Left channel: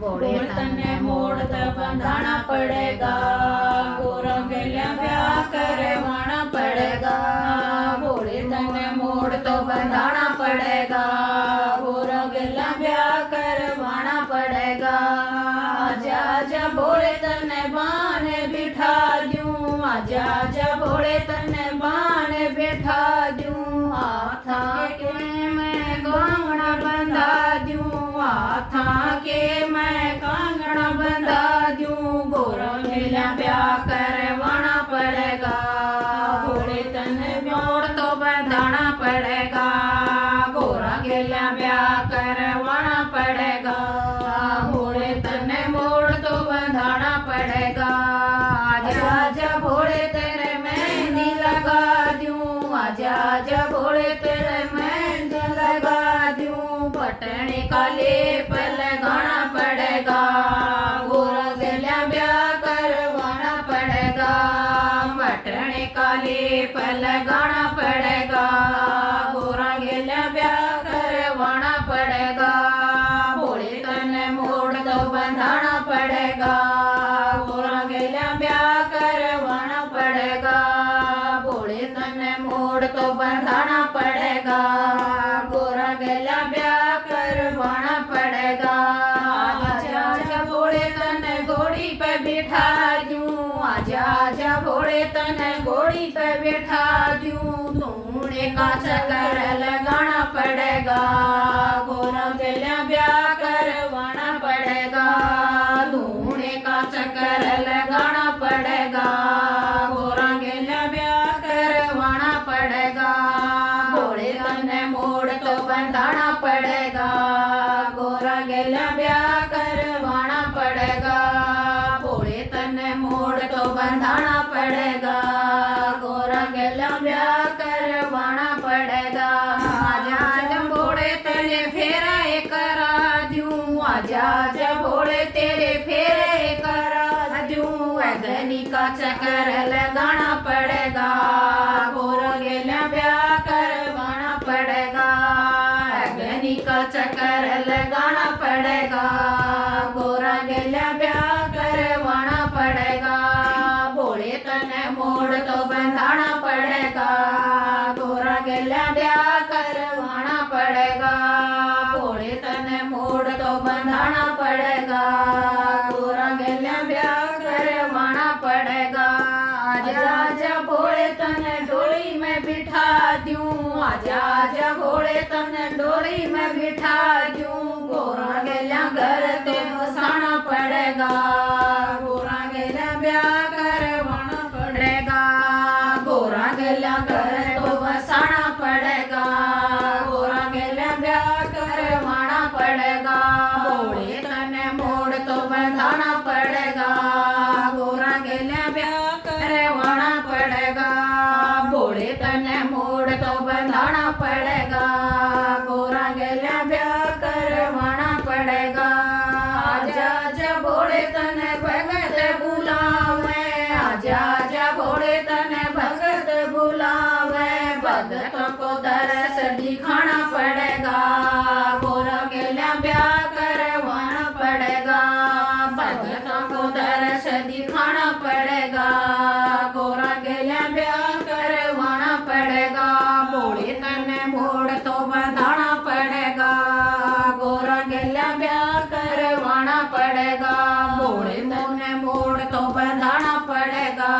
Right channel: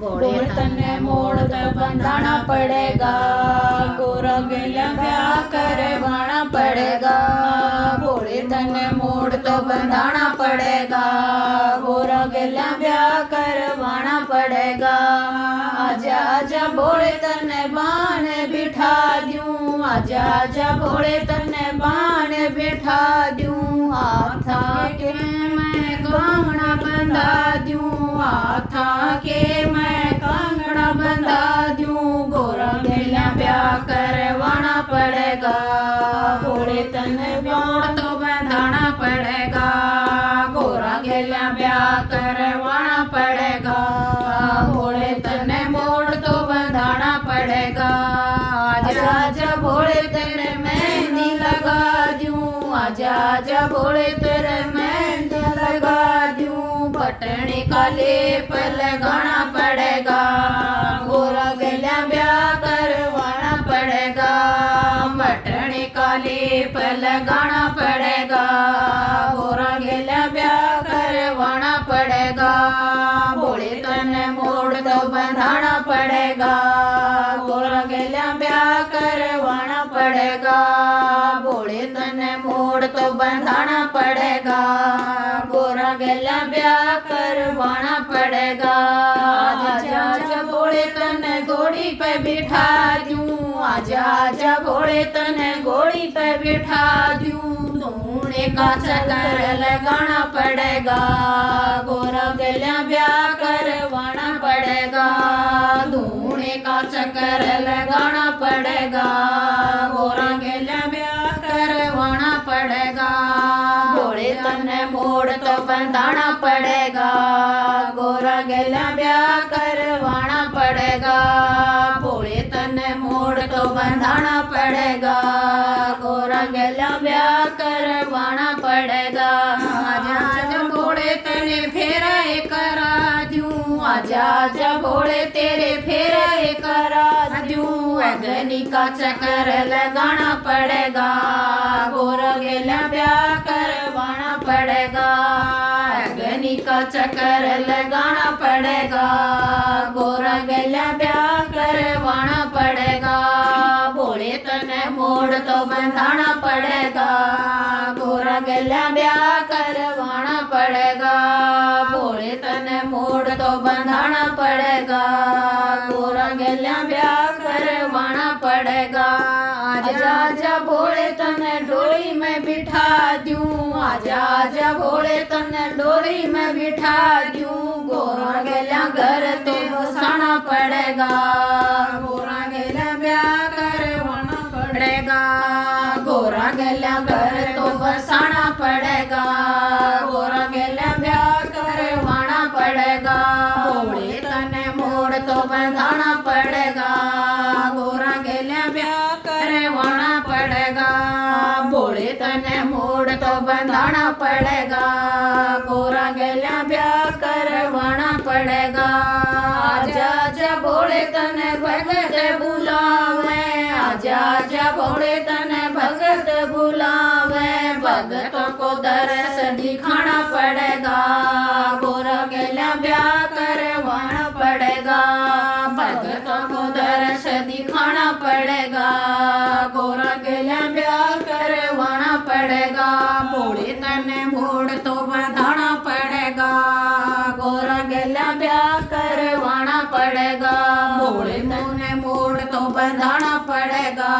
भोले तने मोड़ तो बंधाना पड़ेगा, गोरा गेला ब्याह करवाना पड़ेगा। भोले तने मोड़ तो बंधाना पड़ेगा, गोरा गेला ब्याह करवाना पड़ेगा। आजा आजा भोले तने बाण बिठा दूं, आजा आजा भोले तने बाण बिठा दूं। हाथा के मैं कंगना बंधा दूं, हाथा के मैं कंगना बंधा दूं। गोरा गेला ब्याह करवाना पड़ेगा, भोले तने मोड़ तो बंधाना पड़ेगा, गोरा गेला ब्याह करवाना पड़ेगा। भोले तने मोड़ तो बंधाना पड़ेगा। आजा आजा भोले तेरे मेहंदी लगा दूं, आजा आजा भोले तेरे मेहंदी लगा दूं। पटने का लेप लगाना पड़ेगा, गोरा गेला ब्याह करवाना पड़ेगा। पटने का लेप लगाना पड़ेगा, गोरा गेला ब्याह करवाना पड़ेगा। भोले तने मोड़ तो बंधाना पड़ेगा, गोरा गेला ब्याह करवाना पड़ेगा। भोले तने मोड़ तो बंधाना पड़ेगा, गोरा गेला ब्याह करवाना पड़ेगा। आजा आजा भोले तने घोड़ी पे बिठा दूं, आजा आजा भोले तने घोड़ी पे बिठा दूं। धूने का चक्कर लगाना पड़ेगा, गोरा गेला ब्याह करवाना पड़ेगा। धूने का चक्कर लगाना पड़ेगा, गोरा गेला ब्याह करवाना पड़ेगा। भोले तने मोड़ तो बंधाना पड़ेगा, गोरा गेला ब्याह करवाना पड़ेगा। भोले तने मोड़ तो बंधाना पड़ेगा, गोरा गेला ब्याह करवाना पड़ेगा। आजा आजा भोले तेरे फेरे करा दूं, आजा आजा भोले तेरे फेरे करा दूं। अग्नि का चक्कर लगाना पड़ेगा, गोरा गेला ब्याह करवाना पड़ेगा। अग्नि का चक्कर लगाना पड़ेगा, गोरा गेला ब्याह करवाना पड़ेगा। भोले तने मोड़ तो बंधाना पड़ेगा, गोरा गेला ब्याह करवाना पड़ेगा। भोले तने मोड़ तो बंधाना पड़ेगा, गोरा गेला ब्याह करवाना पड़ेगा। आजा आजा भोले तने डोली में बिठा दूं, आजा आजा भोले तने डोली में बिठा दूं। गोरा गेला घर ते बसाना पड़ेगा, गोरा गेला ब्याह करवाना पड़ेगा। गोरा गेला घर तो बसाना पड़ेगा, गोरा गेला ब्याह करवाना पड़ेगा। भोले तने मोड़ तो बंधाना पड़ेगा, गोरा गेला ब्याह करवाना पड़ेगा। भोले तने मोड़ तो बंधाना पड़ेगा, गोरा गेला ब्याह करवाना पड़ेगा। आजा आजा भोले तने भगत बुलावे, आजा आजा भोले तने भगत बुलावे। भगतों को दरस दिखाना पड़ेगा, गोरा गेला ब्याह करवाना पड़ेगा। भगतों को दरस दिखाना पड़ेगा, गोरा गेला ब्याह करवाना पड़ेगा। भोले तने मोड़ तो बंधाना पड़ेगा, गोरा गेला ब्याह करवाना पड़ेगा। भोले तने मोड़ तो बंधाना पड़ेगा,